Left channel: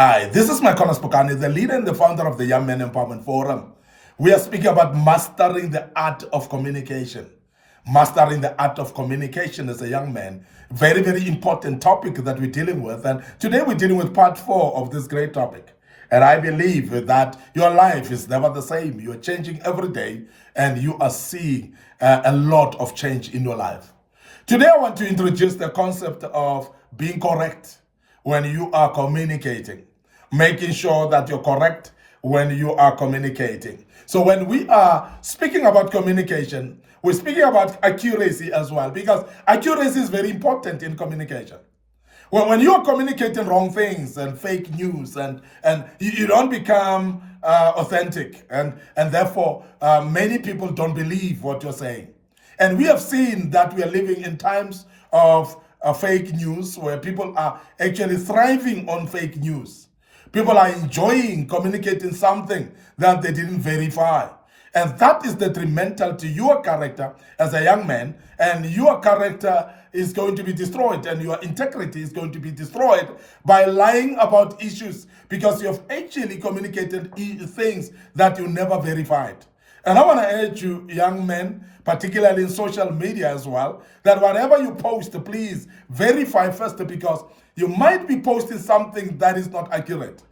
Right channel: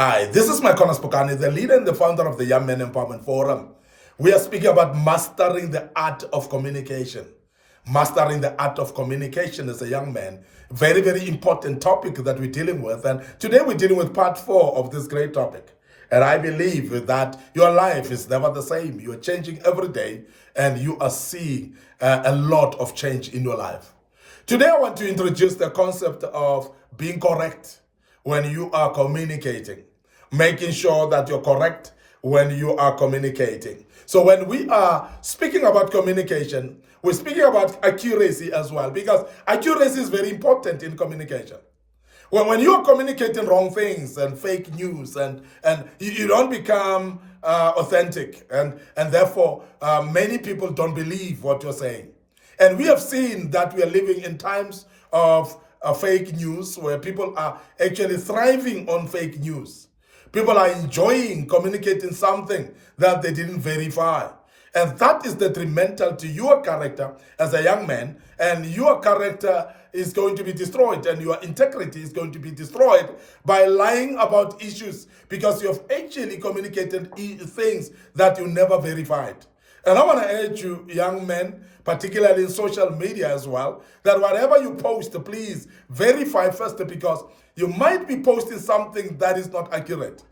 Hi, this is Micornus, Phokane, the leader and the founder of the Young Men Empowerment Forum. We are speaking about mastering the art of communication. Mastering the art of communication as a young man. Very, very important topic that we're dealing with. And today we're dealing with part 4 of this great topic. And I believe that your life is never the same. You're changing every day and you are seeing a lot of change in your life. Today I want to introduce the concept of being correct when you are communicating, making sure that you're correct when you are communicating. So when we are speaking about communication, we're speaking about accuracy as well, because accuracy is very important in communication. When you are communicating wrong things and fake news and you don't become authentic, and therefore many people don't believe what you're saying. And we have seen that we are living in times of fake news where people are actually thriving on fake news. People are enjoying communicating something that they didn't verify. And that is detrimental to your character as a young man, and your character is going to be destroyed and your integrity is going to be destroyed by lying about issues because you have actually communicated things that you never verified. And I want to urge you, young men, particularly in social media as well, that whatever you post, please verify first, because you might be posting something that is not accurate.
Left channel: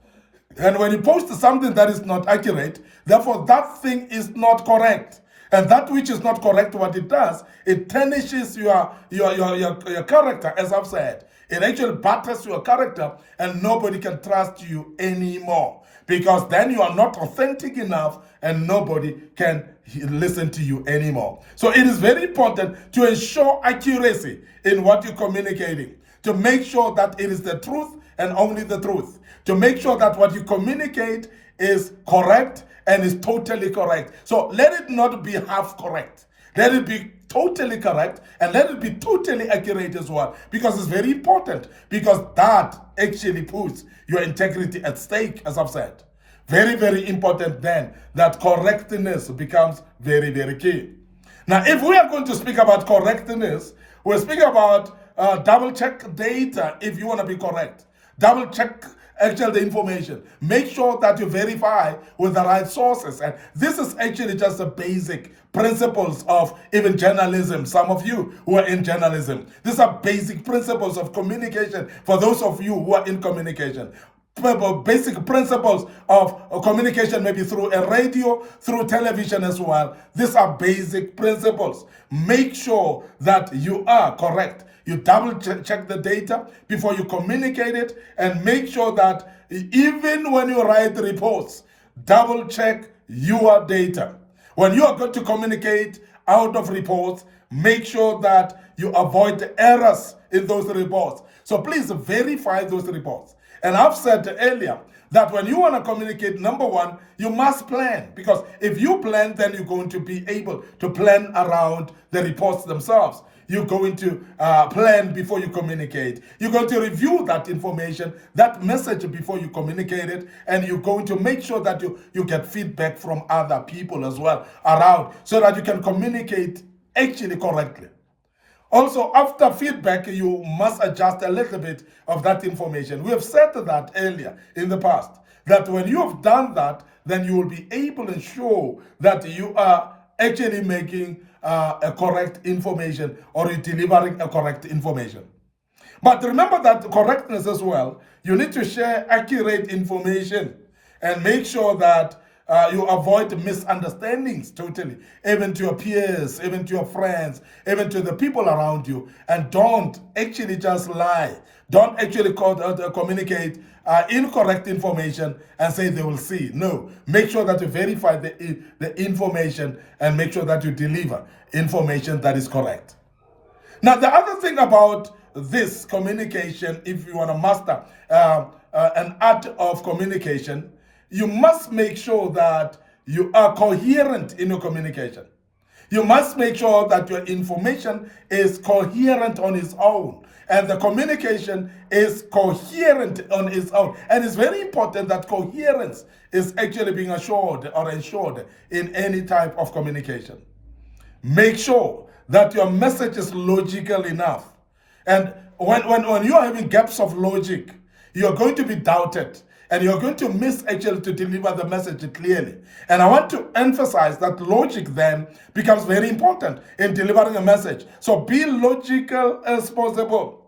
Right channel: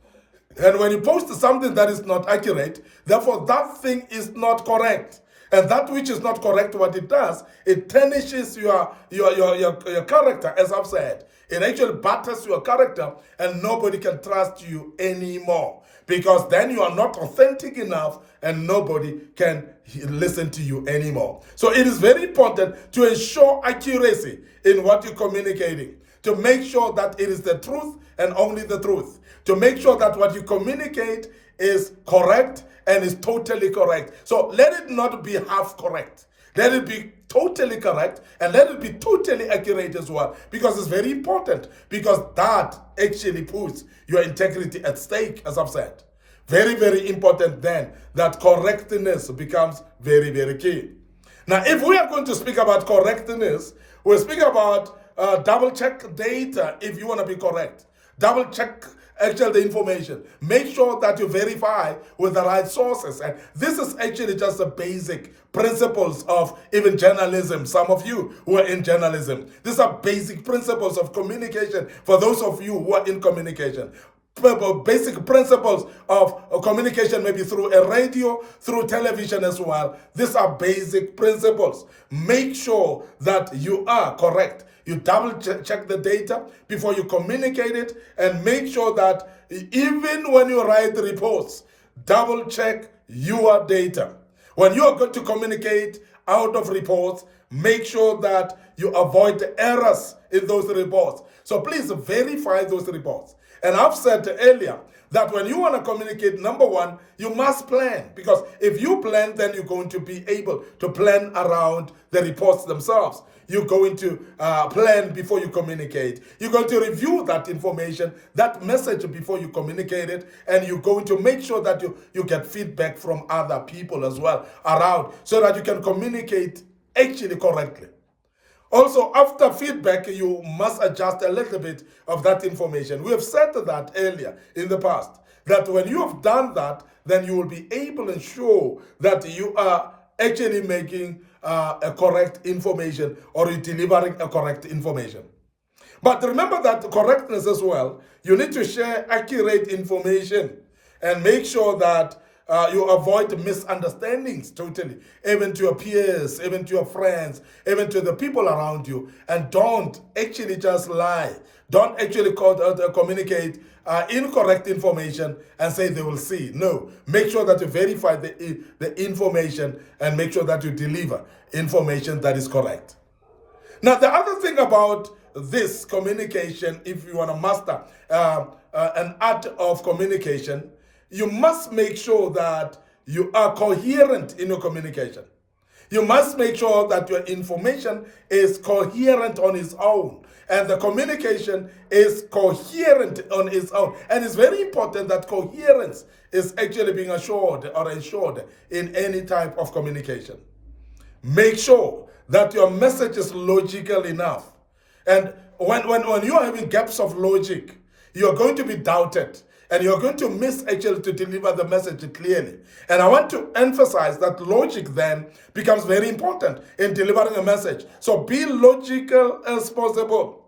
And when you post something that is not accurate, therefore that thing is not correct. And that which is not correct, what it does, it tarnishes your character, as I've said. It actually batters your character and nobody can trust you anymore, because then you are not authentic enough and nobody can listen to you anymore. So it is very important to ensure accuracy in what you're communicating, to make sure that it is the truth and only the truth, to make sure that what you communicate is correct and is totally correct. So let it not be half correct. Let it be totally correct, and let it be totally accurate as well, because it's very important, because that actually puts your integrity at stake, as I've said. Very, very important then that correctness becomes very, very key. Now, if we are going to speak about correctness, we're speaking about double check data if you want to be correct. Double check actually the information. Make sure that you verify with the right sources. And this is actually just the basic principles of even journalism. Some of you who are in journalism, these are basic principles of communication for those of you who are in communication. Basic principles of communication, maybe through a radio, through television as well. These are basic principles. Make sure that you are correct. You double check the data before you communicate it, and make sure that even when you write reports, double check your data. When you are going to communicate out of reports, make sure that you avoid the errors in those reports. So please verify those reports. And I've said earlier that when you want to communicate, number one, you must plan, because if you plan, then you're going to be able to plan around the reports themselves. You're going to plan before you communicate. You're going to review that information, that message before you communicate it, and you're going to make sure that you get feedback from other people as well around, so that you can communicate actually correctly. Also, after feedback, you must adjust a little bit of that information. We have said that earlier in the past, that when you have done that, then you will be able to ensure that you are actually making a correct information, or you're delivering a correct information. But remember that correctness as well, you need to share accurate information and make sure that you avoid misunderstandings totally, even to your peers, even to your friends, even to the people around you. And don't actually just lie. Don't actually communicate incorrect information and say they will see. No, make sure that you verify the information and make sure that you deliver information that is correct. Now, the other thing about this communication, if you want to master an art of communication, you must make sure that you are coherent in your communication. You must make sure that your information is coherent on its own, and the communication is coherent on its own. And it's very important that coherence is actually being assured or ensured in any type of communication. Make sure that your message is logical enough. And when you are having gaps of logic, you're going to be doubted. And you're going to miss actually to deliver the message clearly. And I want to emphasize that logic then becomes very important in delivering a message. So be logical as possible.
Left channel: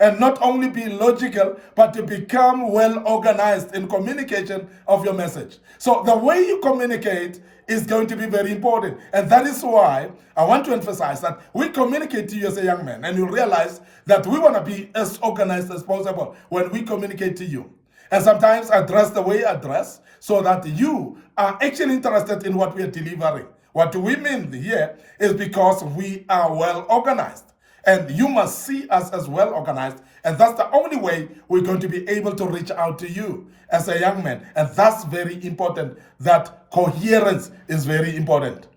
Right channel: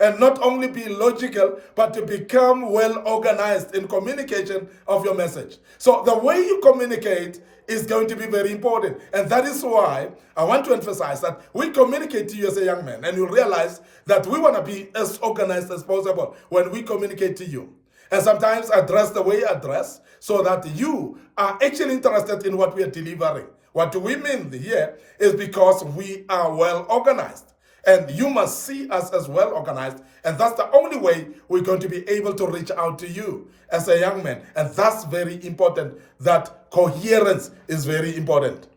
And not only be logical, but to become well organized in communication of your message. So the way you communicate is going to be very important. And that is why I want to emphasize that we communicate to you as a young man, and you realize that we want to be as organized as possible when we communicate to you. And sometimes address the way I address so that you are actually interested in what we are delivering. What do we mean here is because we are well organized. And you must see us as well organized. And that's the only way we're going to be able to reach out to you as a young man. And that's very important. That coherence is very important.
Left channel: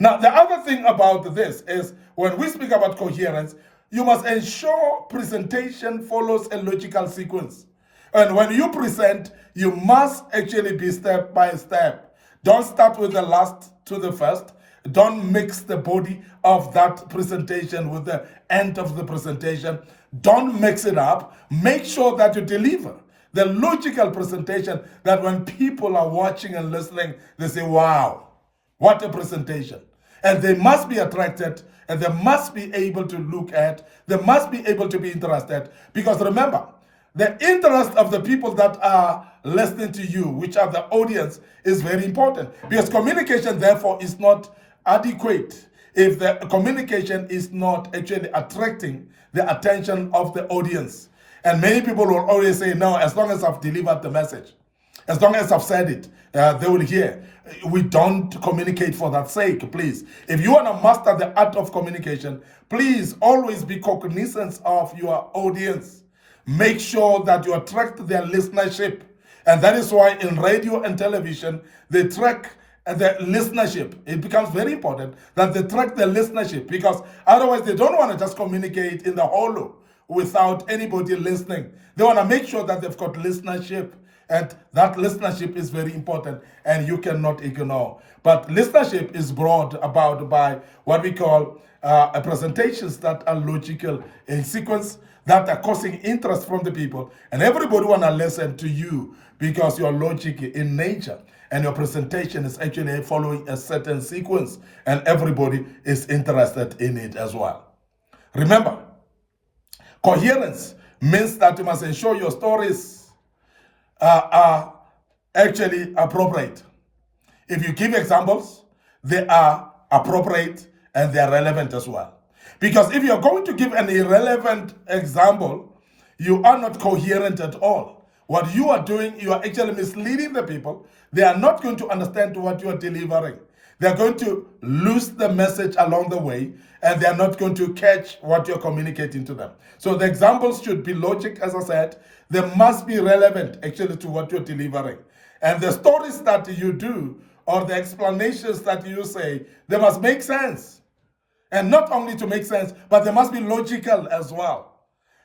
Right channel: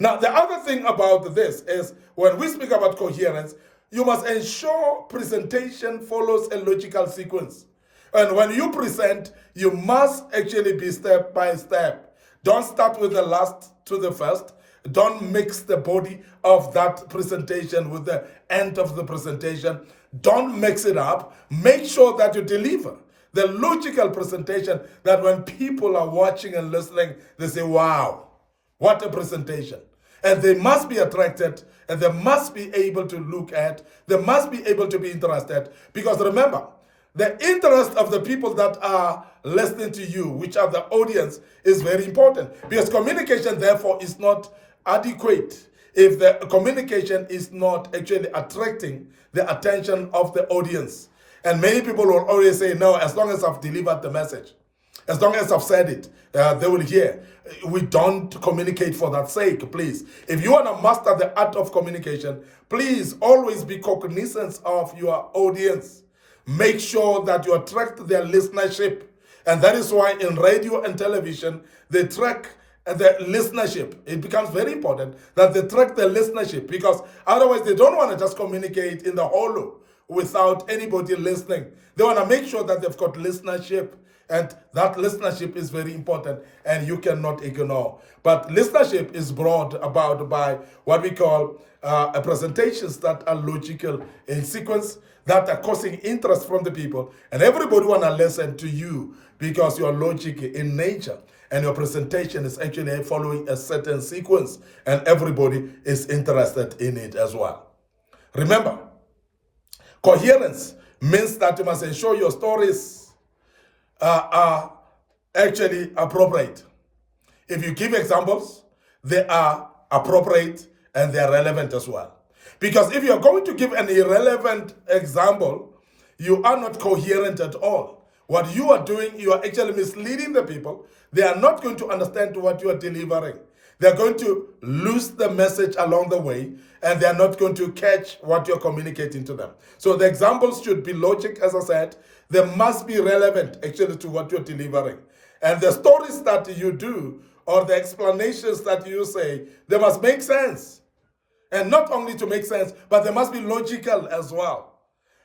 Now, the other thing about this is when we speak about coherence, you must ensure presentation follows a logical sequence. And when you present, you must actually be step by step. Don't start with the last to the first. Don't mix the body of that presentation with the end of the presentation. Don't mix it up. Make sure that you deliver the logical presentation that when people are watching and listening, they say, wow, what a presentation. And they must be attracted, and they must be able to look at, they must be able to be interested. Because remember, the interest of the people that are listening to you, which are the audience, is very important. Because communication, therefore, is not adequate if the communication is not actually attracting the attention of the audience. And many people will always say, no, as long as I've delivered the message, as long as I've said it, they will hear. We don't communicate for that sake, please. If you want to master the art of communication, please always be cognizant of your audience. Make sure that you attract their listenership. And that is why in radio and television, they track the listenership. It becomes very important that they track the listenership, because otherwise they don't want to just communicate in the hollow without anybody listening. They want to make sure that they've got listenership, and that listenership is very important and you cannot ignore. But listenership is brought about by what we call presentations that are logical in sequence, that are causing interest from the people, and everybody want to listen to you because you're logic in nature. And your presentation is actually following a certain sequence, and everybody is interested in it as well. Remember, coherence means that you must ensure your stories are actually appropriate. If you give examples, they are appropriate and they are relevant as well. Because if you're going to give an irrelevant example, you are not coherent at all. What you are doing, you are actually misleading the people. They are not going to understand what you are delivering. They're going to lose the message along the way, and they're not going to catch what you're communicating to them. So the examples should be logic, as I said. They must be relevant actually to what you're delivering. And the stories that you do, or the explanations that you say, they must make sense. And not only to make sense, but they must be logical as well.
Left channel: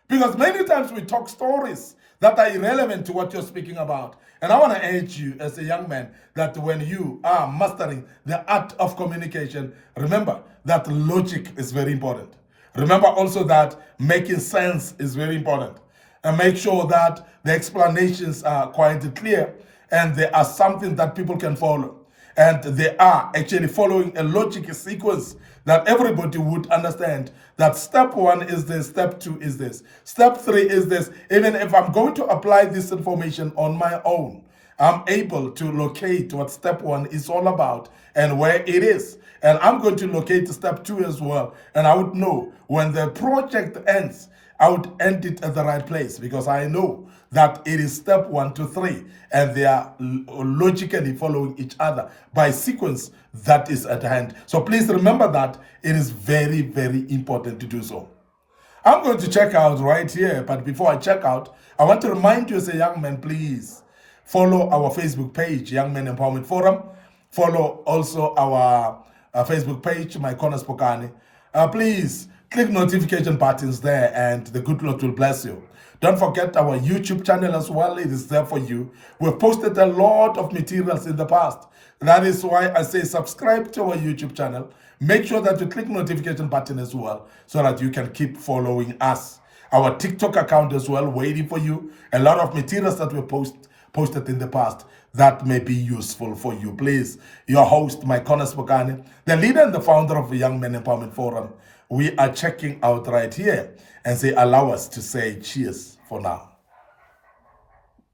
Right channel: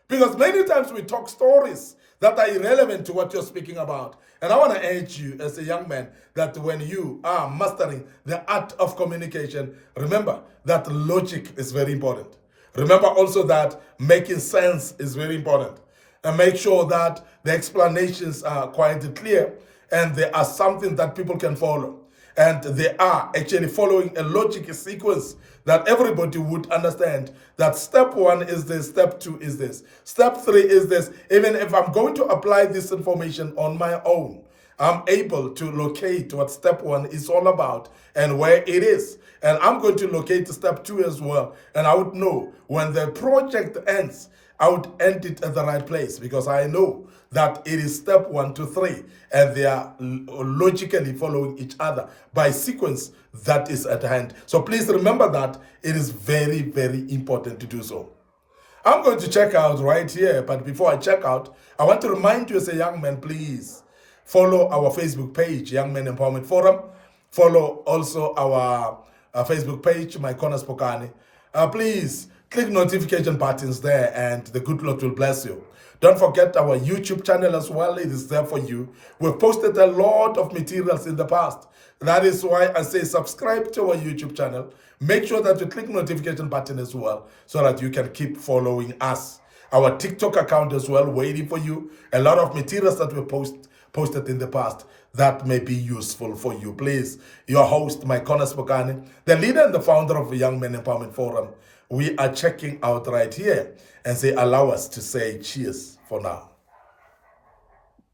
Because many times we talk stories that are irrelevant to what you're speaking about. And I want to urge you as a young man that when you are mastering the art of communication, remember that logic is very important. Remember also that making sense is very important. And make sure that the explanations are quite clear and they are something that people can follow. And they are actually following a logic sequence that everybody would understand that step 1 is this, step 2 is this, step 3 is this. Even if I'm going to apply this information on my own, I'm able to locate what step 1 is all about and where it is. And I'm going to locate step 2 as well. And I would know when the project ends, I would end it at the right place, because I know that it is step 1 to 3 and they are logically following each other by sequence that is at hand. So please remember that it is very, very important to do so. I'm going to check out right here, but before I check out, I want to remind you as a young man, please follow our Facebook page, Young Men Empowerment Forum. Follow also our Facebook page, Micornus Phokane. Please click notification buttons there and the good Lord will bless you. Don't forget our YouTube channel as well. It is there for you. We've posted a lot of materials in the past. That is why I say subscribe to our YouTube channel. Make sure that you click notification button as well so that you can keep following us. Our TikTok account as well, waiting for you. A lot of materials that we post posted in the past that may be useful for you. Please, your host, Micornus Phokane, the leader and the founder of the Young Men Empowerment Forum, we are checking out right here and say, allow us to say cheers for now.